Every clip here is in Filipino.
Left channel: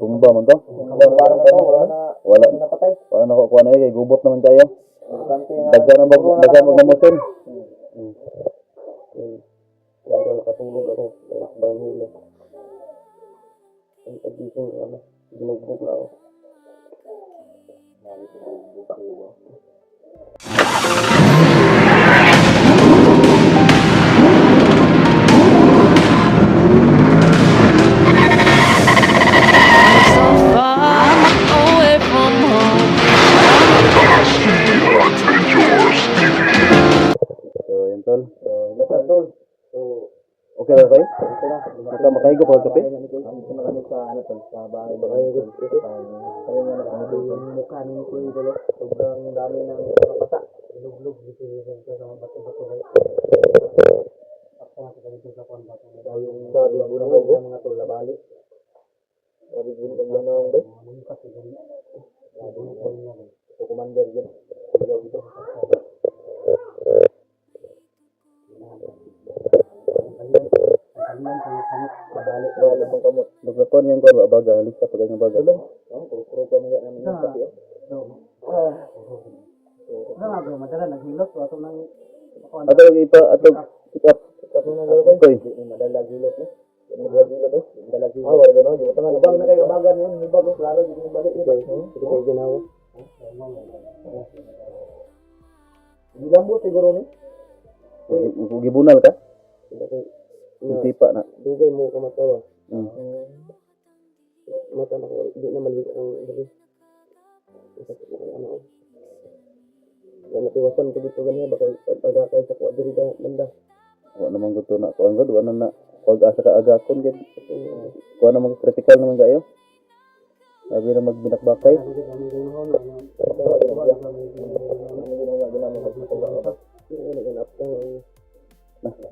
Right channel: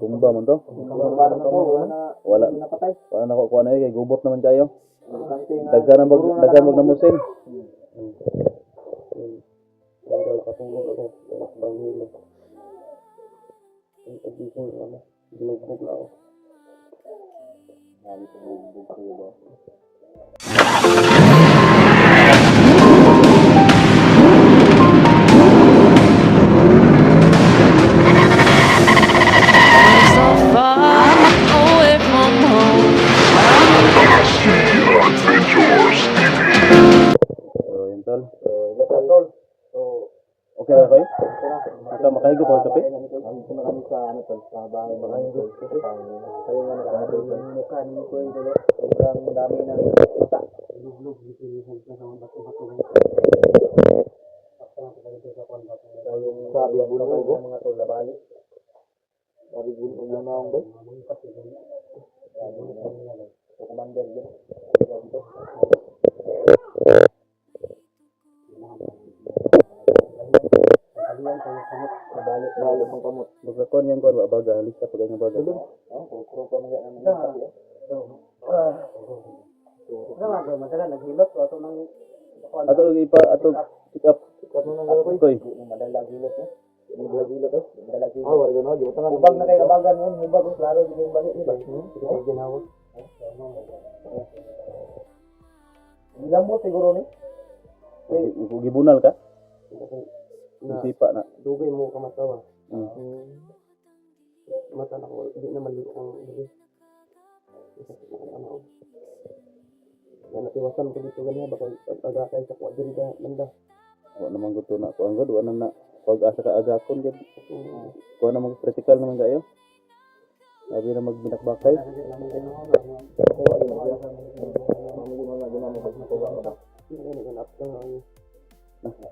Tumba man to. Wala. Wala na ko kuha na kay gubot naman kayo. Daghan magnamusin. Hanggang nakatulog ako sa banghilo. Ang pagising ko na, binugbog na ako. So far away from home. So, yun tol. Okay na kayo? Makahigo pa kape? Sobrang dami ng mata. Lublog dito sa mga bato-bato. Yung sabi bulog ng mga tula bali. Sabi bulog ng mga ba? Ito commander yun. Balik ng kamot. Magkakon yan ko baga, halis ka pag yung baga. Kuro pa mga namin ng kape. Ato yung ipa, ato sikap. Sikap mo na gawin. Okay. Madalag hilot eh. Madalag hilot eh. Madalag hilot. Wala gano'n. Di ba tangan ubang na kayo kabagan yun. Hibag eh. Klaro dito yung balik. Ito kayo ginawa. Ilang mo siguro ni? Gibunal ka? Sipa na. Dugay mo kamatawa. Mata na ko. Hindi na maligo kong dali. Isasok ko kong ano. Yan natiwasan ko dito ganyan. Baka aga kayo sa kuwa diri da banda. Wala naman gusto na. Kuha nga, wala na. Pag asa ka agakon, kuha naman critical naman kayo. Sabi na magbinakbakay.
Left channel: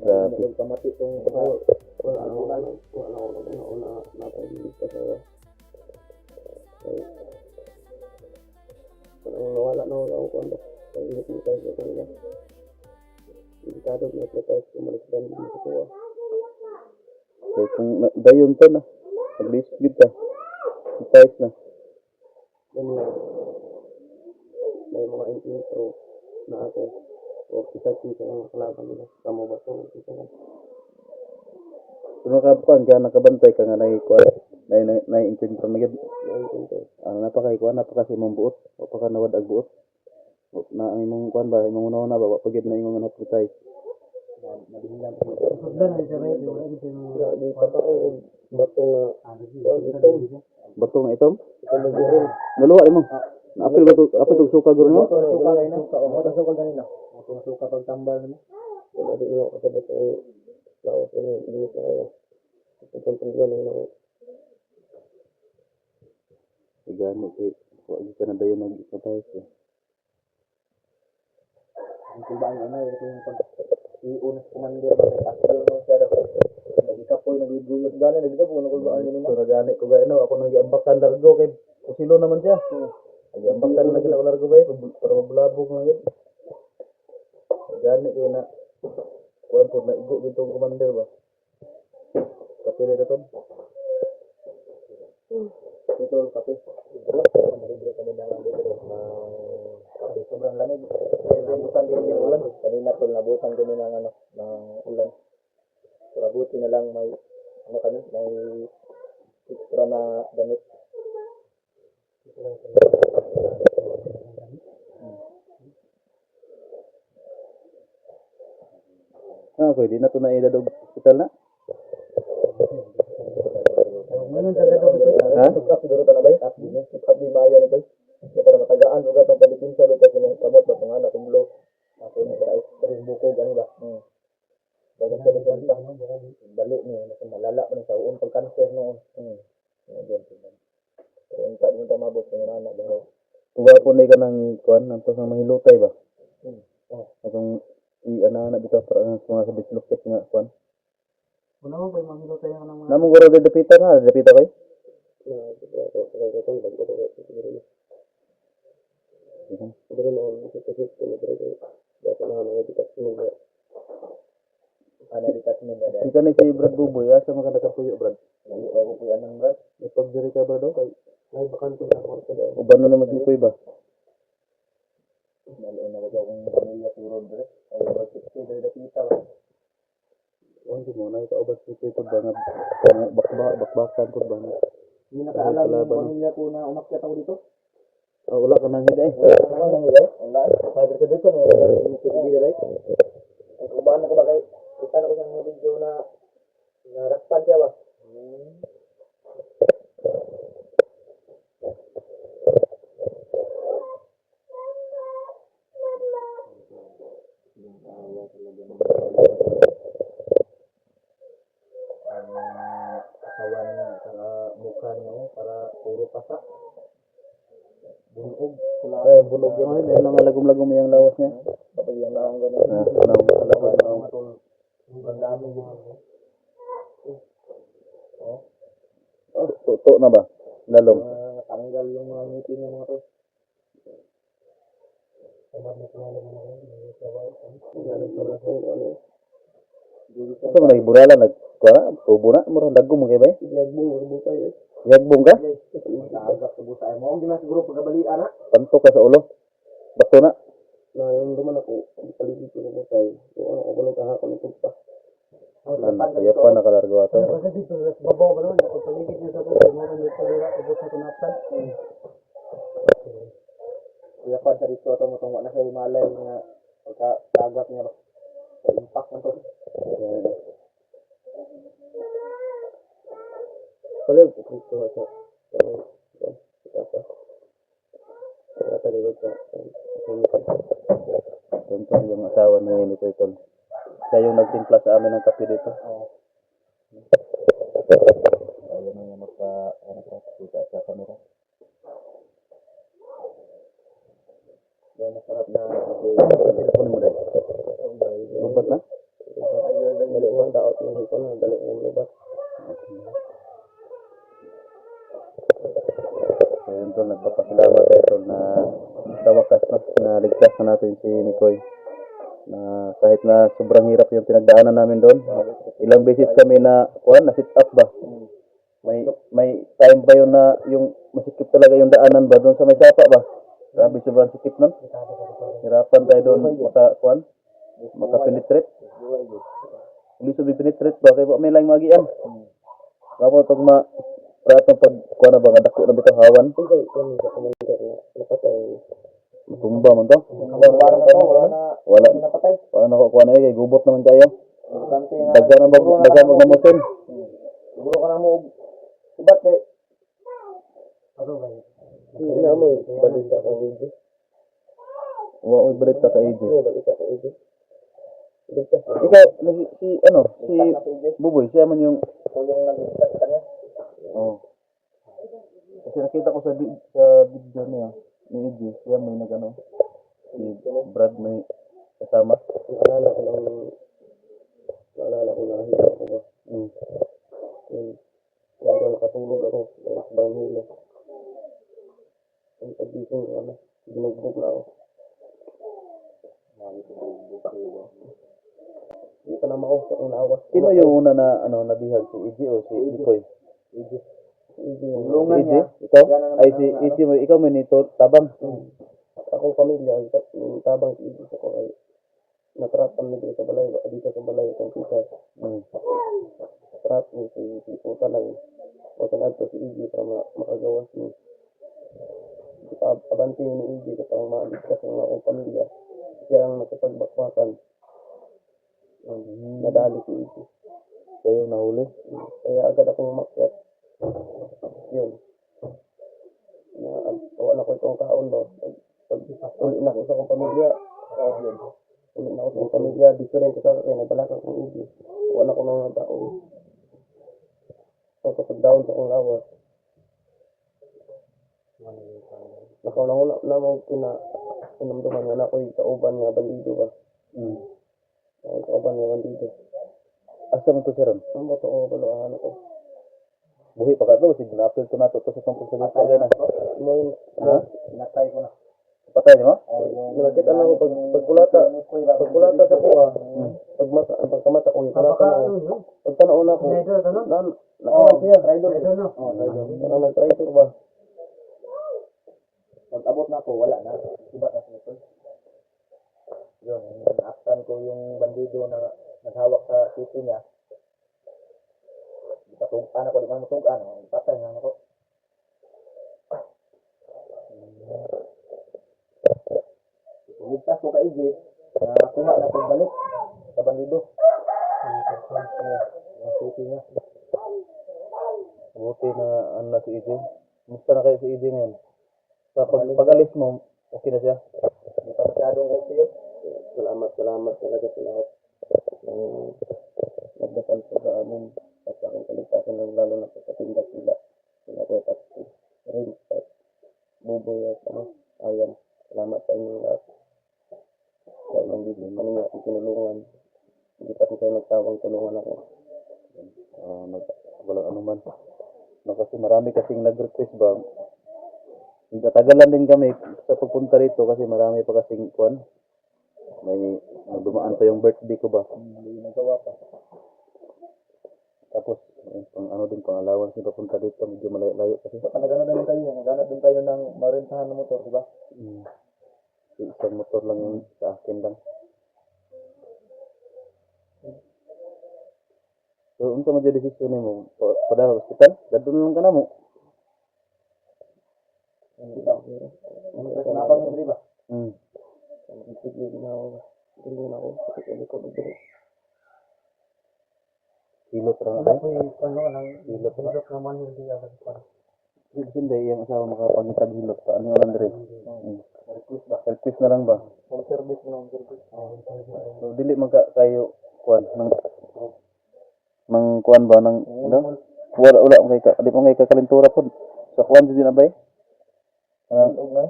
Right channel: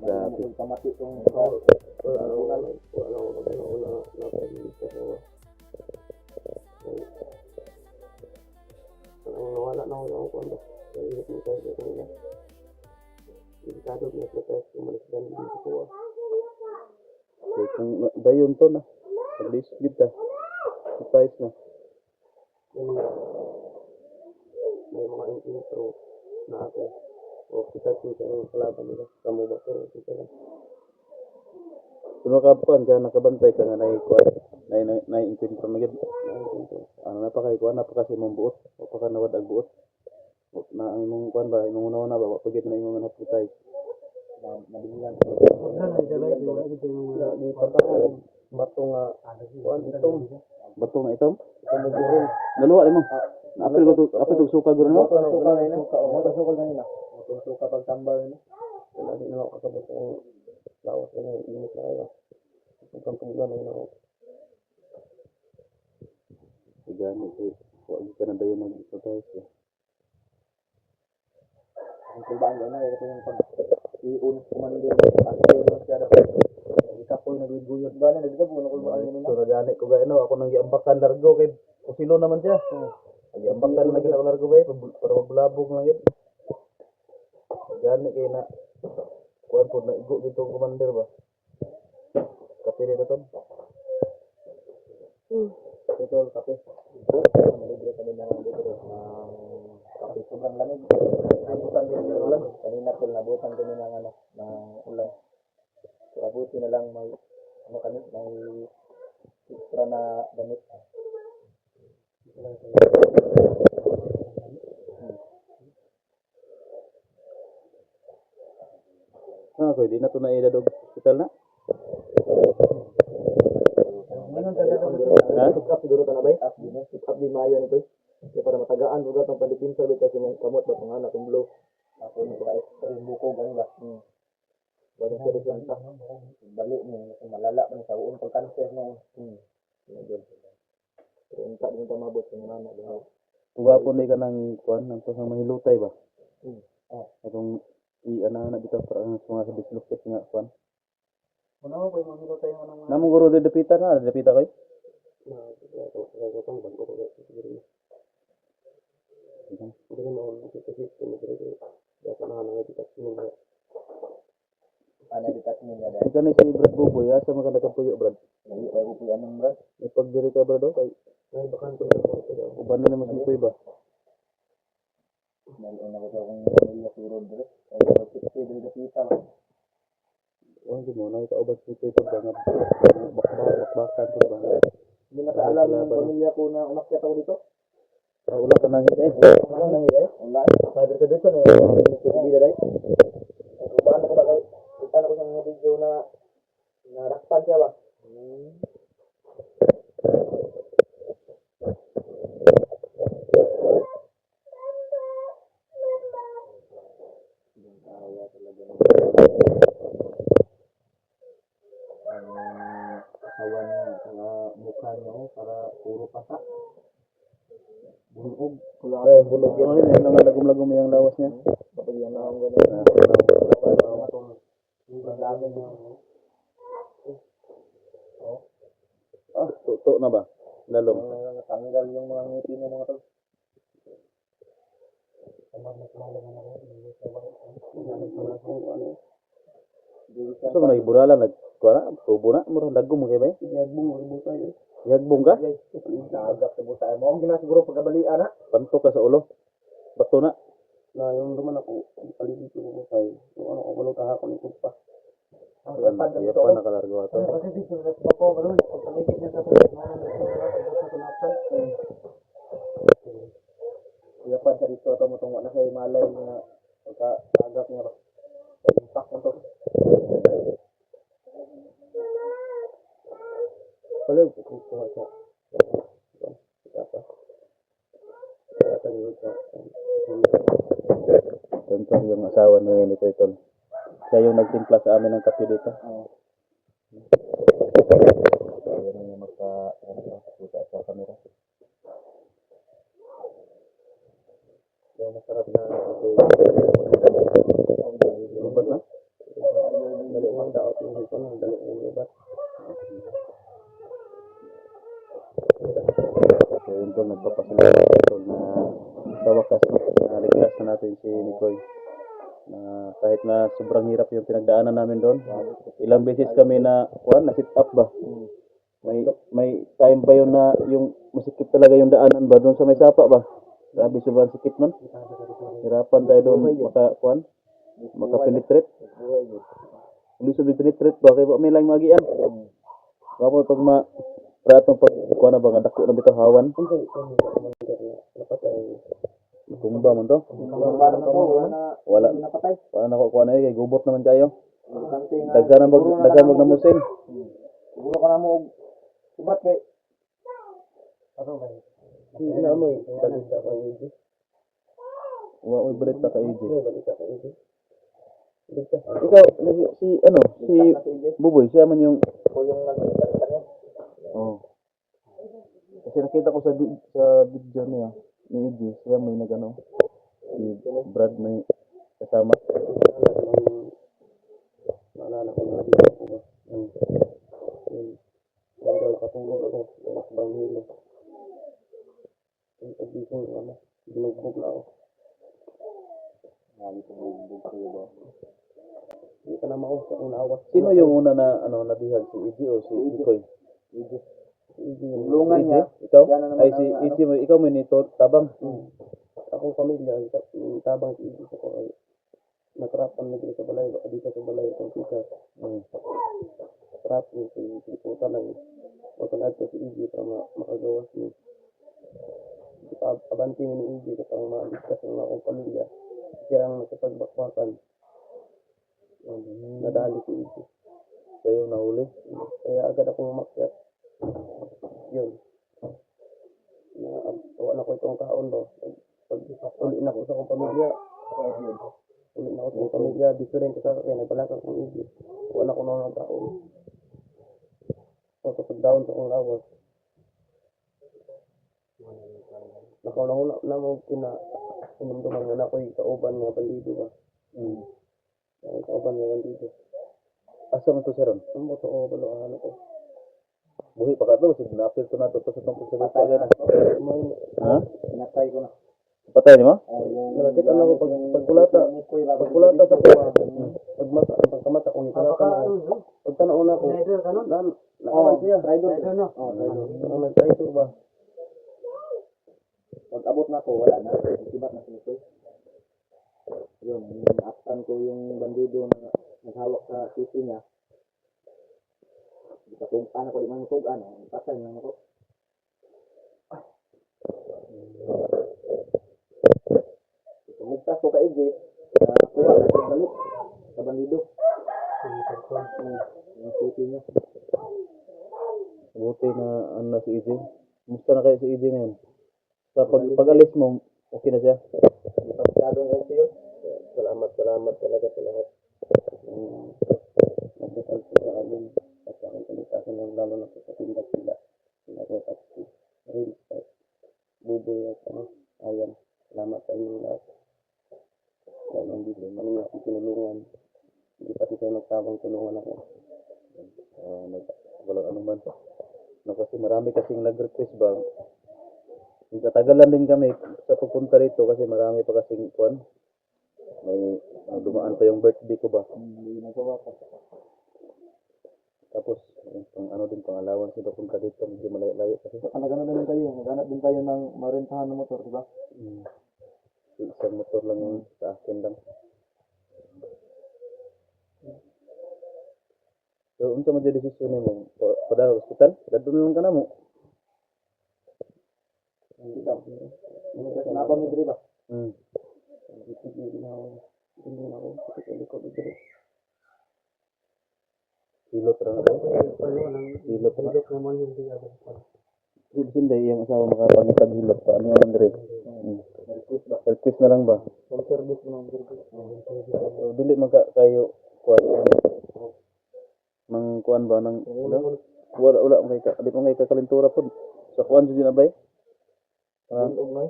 Grabe. Kamati itong wala na ako kung sa ihip mo tayo sa kanila. Delikado na tayo kumalisdan dito ko. Okay, kung dayon to na. Pag-list good ka. Size na. May mga intro na ako. O kita ang kalaban nila. Kamu ba ito? Puno ka pa, kaya nakabantay ka nga naikuha. Nai-encounter na yun. Ang napakaikuha, napakasi mong buot. O pa ka nawad ag buot. Na ang imong kuhan ba, imong una-una ba, pagid na imong naputay. Batong itom. Batong na itom? Kumugurin. Naluwa mo. Apil ba ito? Apil ito suka guro mo? Kung suka pag tambal na. Wala din naman kakabot ang lawas na yung limit na kayo. Kung pangpanggan na yun. Gani kay wag ka na dayon nag-exercise. Kung ba ang yung iunas commander ba yung pasyo na siya daw. Nagikapoy, nagiguyot gani, nagikapoy, nakulbaan yun na. So nagani ko gano, ako nang giambakan largo kay kusilo naman siya. Giambakan lagi ako largo ba para maglabog lang yun. Gani kay na kuan pod na igo dito ang commander ba. Kapili na ton. Ito ang kape. Malibre kami na dito kape. Sobrang lamig. Nabutan din yung ulan. Kanina po nabutan din ng ng ulan. So abuti na lang may kami, may extra na damit. Okay, di na to na idadog hospital na. Ha? Siguro ta na bay? Up di Mayo ni bay. Kaya para matagaan ugat ang palitin sa bita sa mga kamot ba pangalan kung blow. Ako na ba ay buko gani ba? Baga sa resulta. Balik ni malala man sa uon pag cancer noon. Pero unta din ta mabot sa nana daw. Tuwa po na ka ng kuan ng pasang mahilutay ba? Atong i-ana dito para sa mga dislocate nga kuan. Wala mo pa yung mahilutay nga nang Namong guro de dapita na, dapita kay. Ika ni si Brad Buboy, asa mga nakapuyo Brad? anong brad? Ipagdiri ka ba daw? Kay Ay, bakante na po. uban na naman si Koy ba? Maliin na ko akong pamilya siguro dre. Ay, wala sige dre kita ba. Oh, di mo na ikaw ba si Koy pud bangat bakbakan pud bangat. Hindi nakaalam ng pamilya ko na umakyat ako dito. Wala ka nang hid eh. Wala nang ide. Wala. Sabi ka dito na wala ni ko dito dai. Ay, kubaan ako ba kay kita na ko sa video na narakpan siya ba. Kawan niya sa mukha niya para puro pasak. Bulog. Ay, bulog yan. Ano nga lagom-lagom yung lawas niya. Kapag yan na ang ganun. Ang dami dito. Tuto na ba? Lalong. Natanggal yung mga ngiti niya mga tol. Sa man nagiburalan nagkuha, tubo na murang dagom mo kay ba? Yagbong, ributay eh. Yagbong ka? Nagagap sa busa. Mo gina siguro pagkabalian na. Pantok ka sa ulo. Bato na. Na yung naman ako, paligid ko mo tayo. So ano, ako lang kahapon ito pa. Kaya pa nakalargo ato. Kasi dito, babaw ba nun? Ang paligid niya sa tubig, meron dito nila, ito sa tunapsan. Kaya pa sa dito ito mo itong wala sa malay na pagkagap niya ba. Sa impact na to. Palig, kung kuha sa Ito yung asawa ni Nito Itol. Siya yung nagtimpla sa amin ng kape dito. Ayaw na niya magpa-kita sa camera. Yung masarap na Lubat na? dali mo daot yung hito na, dali mo lubat. So yun Tol, nagpapasalamat tayo Tol na sa wakas na ligtas na natin si Nikoy. Na kahit na sobrang hirap yung pinagdaanan namin doon. Ilang beses kami na sit up ba? May time ba yun na yung masikip talaga yung daanan ba doon sa may sapa ba? Grabe sobrang sikip nun. Hirapan tayo doon maka-penetrate. Hindi sabi penetrate ba? Kaya may lang magian. Kapo itong pratong pagkuhan na ba nga dako na bitaw hawan. Tumba man to. Wala na ko kuha na kay gubot naman kayo. Daghan magnamusin. siguro ka na mo ubat kay Hindi na mo eh, balita ka EJ. Wa oy balita ka EJ. Balita ka EJ. Ikaw si Buboy siya man yung ko yung nag-start kanya. oh. Kasi nakita ko sa video niya ni EJ, siya may si Brad may kasama. Naalala ko na hilo ako ba. Yan daw nakatulog ako. Dalas bang hilo. Ang pagising ko binugbog na ako. Hindi pa naman ako sa unawas. Sino yung una na nabihag, si EJ o si Nikoy? EJ Lungan niya. Ikaw? Ay si EJ mo, ikaw may nito tabang. akong pamilya, tabang si EJ ako ay natrapan na dito sa balay, dito sa balay itong tita. Natrap ni si puta lang. Puta na ito si EJ para makagawas ni. Abanti ni EJ kapag maaligtas ng akong pamilya. Siya ang nagkapagbakbakan. Nadali si EJ. Siya yung nahuli. Kaya agad akong umakyat. Yun. Wala ko itong kaon ba. Pag uli na ko sa akong pamilya. Uli na ko sa akong pamilya. Dito rin ko sa kaya nagbalakang kong EJ. Wala ko nang taon. So kapag down sa akong lawas. Nakauna na mo pinamduman nga na ako'y kauban nga bandido ba. Kauban nga bandido. Asa man to siya ron? Ang mo to o baloahan ako. Buhi pa ka to, sige na-appeal to nato to sa tungkol sa gusto agay na. Mo yun. Ha? Natay ko na. Patay mo? Nakita na ako pagpulata sa kuha. Pagmata, pagkamata ko, pulata na ako. Pagtanaw na ako, nakaman siya. Parang nag-traitor ba? Pag-abot na ako, wala na. Iba na si Nicole. Yun, aktan ko yung bandido na naghawak sa sisi niya. Patungkan ako, di man matungkan. Patay na ako. Tumigtas ko ka Iggy, nakuha na siya balik sa bandido. Yung sisi niya. Buti na ano na si EJ. Kumusta na kayo si EJ ngayon? Sa pag-alis mo, okay na siya? Hindi pa masyadong okay yun. Salamat talaga sa lahat. Nagdasal ko sa amin at sa aking kaligtasan ng lalo na sa katinda sila. Sila ko at Rin at Buboy at Ayan. Salamat sa inyong lahat. Kaya nang bigla man niya tinulungan. Hindi pati kayo nagtawang tulungan ako. Walang anuman. No, kasi marami kasing nag-request ba. Tatagalan din kami sa pagpunta rito kasi marami pa kasing kuan. May dumaan pa yung birthday ko ba. Hindi nagawa pa. Tapos pang ano din pang allowance yung papunta dito medyo malayo kasi. Naghanap din kayo. Naghanap din kayo ng marentahan ng motor, di ba? Isang motor lang yung sa akin lang. So, unsa man yung desisyon mo? Pada hospital? Gadun lang ka na mo. Kenapa mo diri ba? Hindi na ako. Kasi ko bigyan. Hilot lang ako. Hilot lang. naman hindi agad pa. Hindi yung asawa makapangitag hilot pa. Ano naman dire? Request na lang ba? Home service mo ng service. So, dili man kayo kuan mang kuan ba nang ano? Wala kay di pa kay kakalintura pod. Sa kuan jud na bay? Bunog na.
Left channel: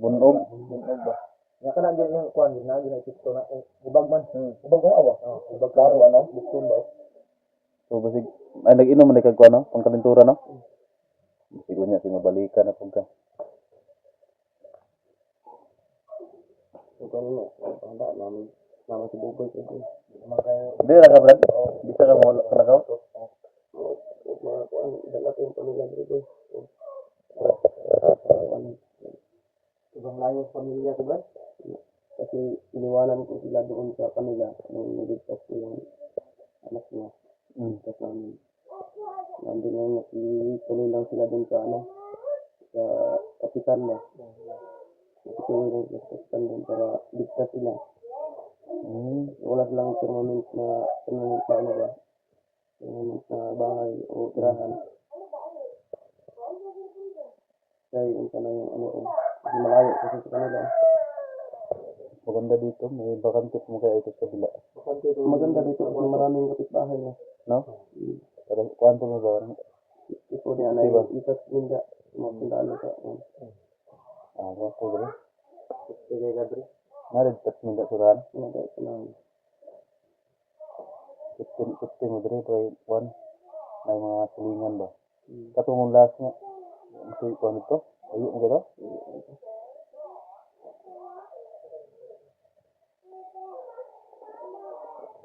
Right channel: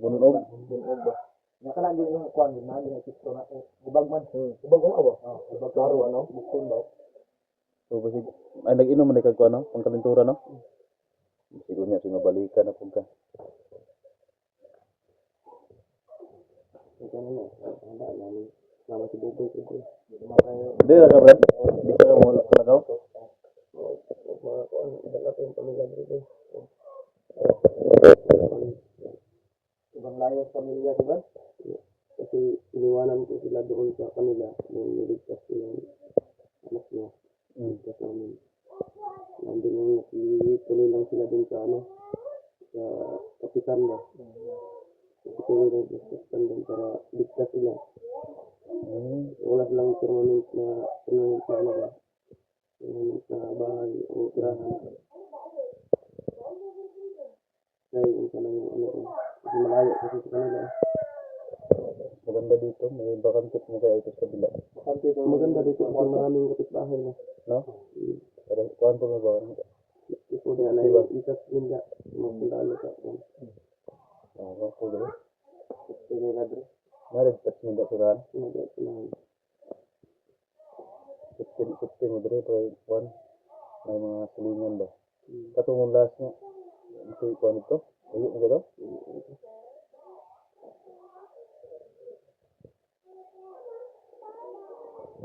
Bunog ba? Nya kana gyud yung kuan na ginakito na ubag man. Ubag mo ba? Ubag klaro ano? Bukton ba? So basig ay nag-inom man kay kuan no? Pangkalintura no? Siguro niya sinabalikan na pagka. So kano handa namin nama si Buboy ko. Di ra ka brad? Di ka mo lagaw? Ibang layo sa pamilya ko ba? Kasi iniwanan ko sila doon sa kanila nung niligtas ko yung anak niya. Niligtas namin. Nandun lang tuloy lang sila doon sa sa kapitan ba. Tuloy lang sa kapitan doon para ligtas sila. Wala silang permanent na ano ba. Permanent na bahay o tirahan. Kaya yung sana yung ko. Kasi malayo kasi sa kanila. Maganda dito, may bakante mo kaya ito sa bila. Maganda dito kasi maraming kapitbahay na. No? Pero kuan po mo ba? Ito niya na yung isas ninja. Mapundaan na sa Ko dito. sige na dito. Narid tat mo da suran. Nagay ko na. 15 mo dire kay kuan. May mga silingan ba? Katong last nga. Ito kuan ito. Ayo mo gito.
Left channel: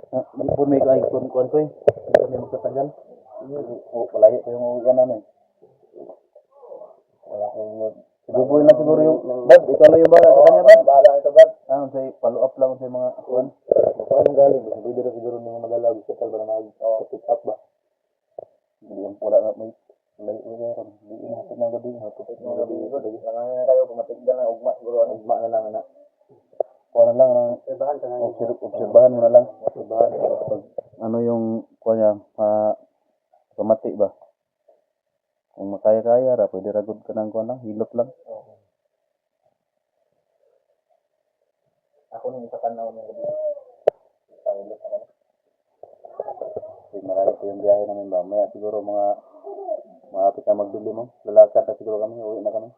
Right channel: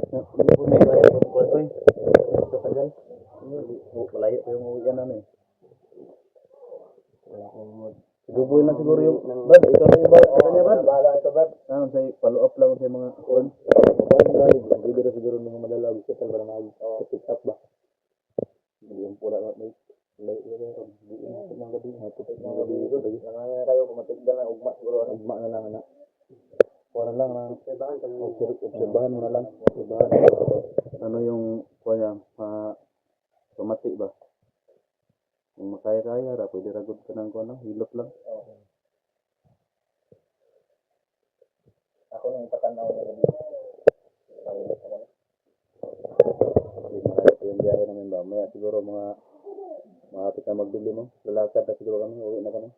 Hindi po may kaya kuan ko eh. Kami magtatagal. Malayo po yung uwian namin. Wala akong Buboy na siguro yung Bad, ikaw na yung bala sa kanya Bad. Bahala ito ba? Ano say follow up lang sa mga kuan. Kuan galing. Hindi dito siguro ng mga madala hospital para mag-pick up ba? Hindi yung pula na may mayroon. Hindi yung hapon ng gabi. Nangangayon kayo pumatigdan na ugma siguro. Ugma na lang na. Kuha na lang. Obserbahan mo na lang. Ano yung kuha niya? Pamati ba? Kung makaya-kaya ra, pwede ragod ka ng kuha na. Hilot lang. Ako nung patanaw na gabi. Tawilot ako. Kasi marami po yung biyahe namin ba. Maya siguro mga hapit na magbili mo. Lalakad na siguro kami. Uwi na kami.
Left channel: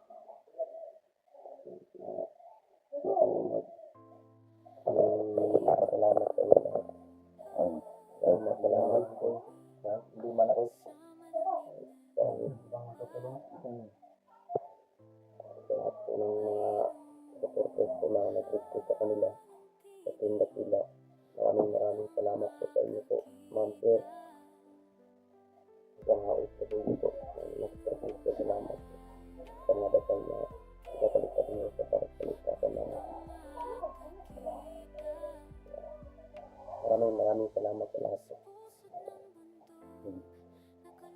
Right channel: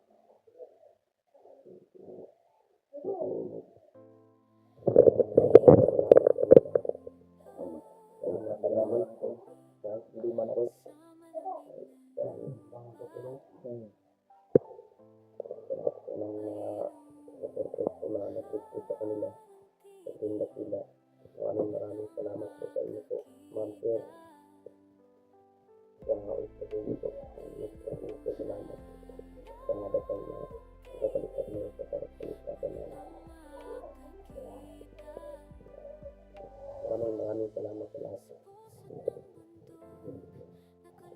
Hindi man ako. presko na nag-request sa kanila sa tindak nila. Maraming salamat po sa inyo po, ma'am sir. Sa mga usabuhin po, nagpapalito salamat sa mga dasal na kapalitan niyo sa paligtatan na maraming salamat sa lahat po.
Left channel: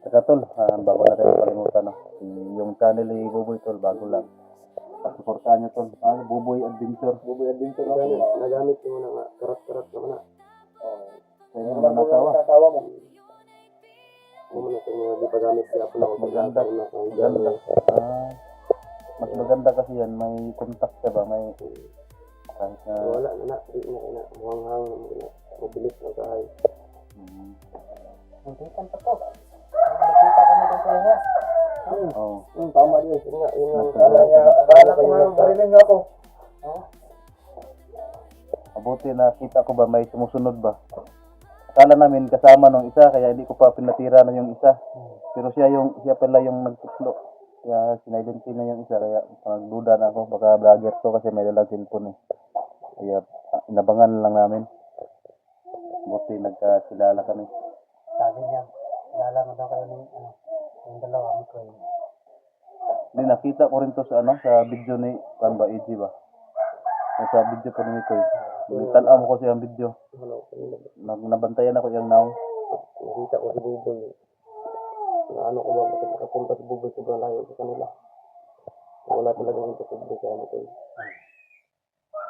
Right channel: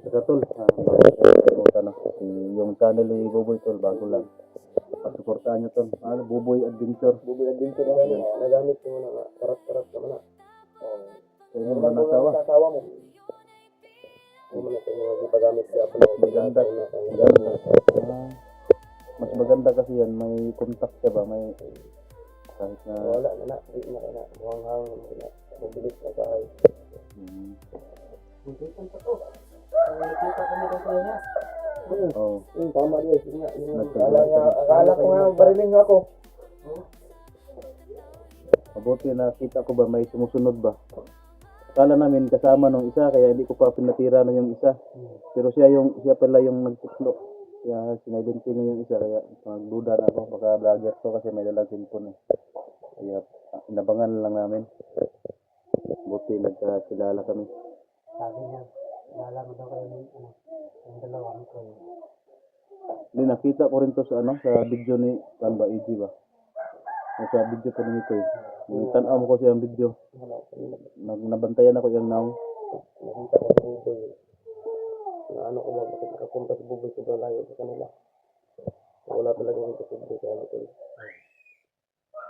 Saka tol, bago na tayo palimutan, no? Yung channel ni Buboy tol, bago lang. Pasuportahan nyo tol. Buboy Adventure. Buboy Adventure na nagamit mo na nga, karat-karat naman na. Sa inyo na nasawa. Nasawa mo. Ano na kung hindi pa gamit siya ako na Maganda. Maganda. Mas maganda kasi yan, may contact siya ba? May kahit na... wala na, di na kaya na, muhanghang na, mabilis na tayo. Nakita pa to. Nakita kami doon sa niya. Oh. Tama din. Yun nga. Akala ko nga, barilin nga ako. Mabuti nakita ko ba may sumusunod ba? Akala namin kasama nung isa kaya hindi ko pa pinatira na yung isa. Pero siya pala yung nagtutlo. Kaya sinaidentin na yung isa kaya nagduda na ako baka vlogger to kasi may dalang cellphone eh. Kaya inabangan lang namin. Buti nagkakilala kami. Sabi niya, kilala mo daw kayo yung dalawa ko. Hindi nakita ko rin to sa sa video ni Kanba EG ba. Sa video ko ni Mikoy. Tanaw mo ko siyang video. Nabantayan ako yung now. Nakita ko si Buboy. Ano ko ba, bakit nakapunta si Buboy sobrang layo sa kanila. Wala talagang imposible sa ano ko.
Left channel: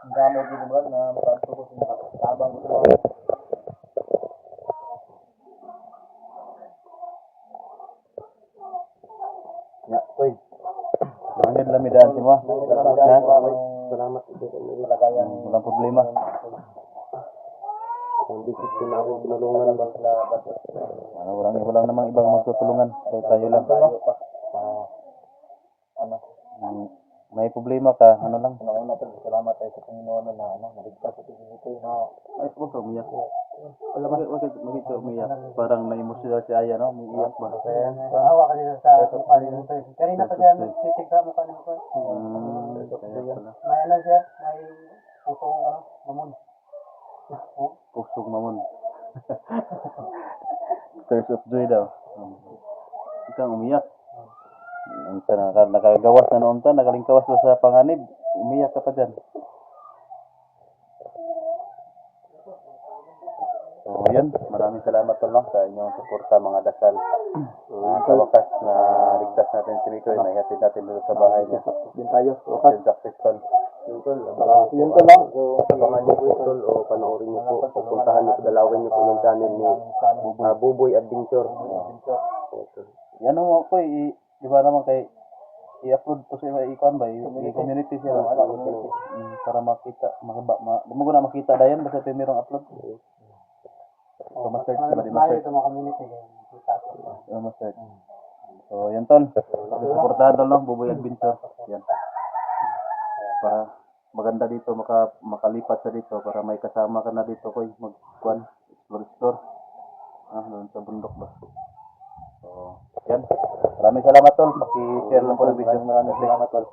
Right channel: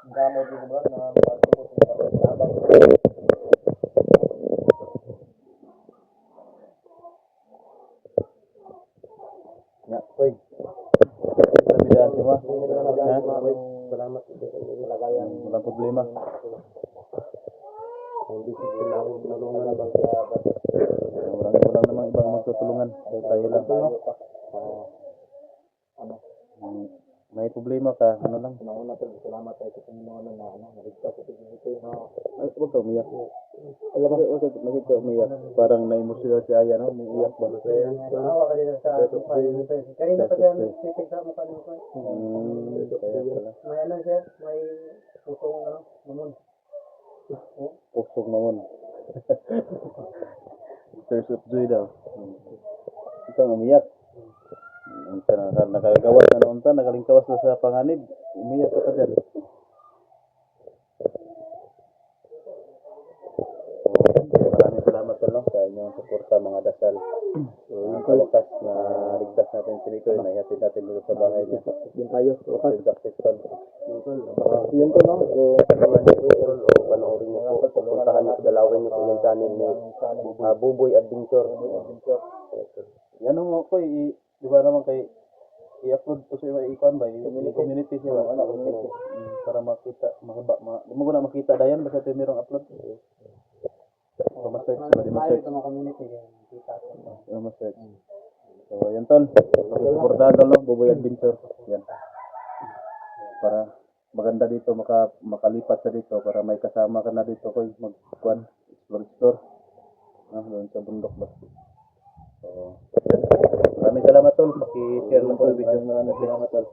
Ang damo dito ba na mabato ko sa tabang ko. Ya, koy. Ano dami daan si mo? Salamat ito sa inyo. Malagayan. Walang problema. Ang bisit ko na ako pinulungan bang sa Walang namang ibang magtutulungan. Tayo lang. May problema ka, ano lang. Una po, salamat tayo sa Panginoon na naligtas sa ito. Ay, huwag ka umiyak. Bakit ka umiyak? Parang na-emotional si Aya, no? Umiiyak ba? Naawa ka din sa mukha niyo. Kanina pa siya titig sa mukha niyo. Kaya pala. May ano siya, may pusong mamon. Pusong mamon. Tears of joy daw. Ikaw umiyak. Nakagawas na noon ta, nakalingkawas na sa panganib. Umiyak ka pa dyan. So, yan. Maraming salamat tol sa inyong suporta mga dasal. Sa wakas na ligtas natin si Mikoy, naihatid natin dito sa bahay niya. Din tayo. Successful. Yun to lang. So, panaman niyo po tol o panoorin niyo po. Pupuntahan niyo po, dalawin niyo po yung channel ni Buboy Adventure. Yan o, Koy, di ba naman kay i-upload to sa ikon ba? I-community siya. Para makita, di mo ko na makita dayan, basta tayo mayroong upload. So, ma-search ba? Di ma-search. Ma-search. So, yan tol. Supportahan tol, no? Buboy Adventure. Yan. Para maganda dito, makalipat sa dito, para may kasama ka na dito, Koy. Mag-explore. Doon sa bundok ba? So, yan. Maraming salamat tol. Paki-share lang po yung video. Maraming salamat tol.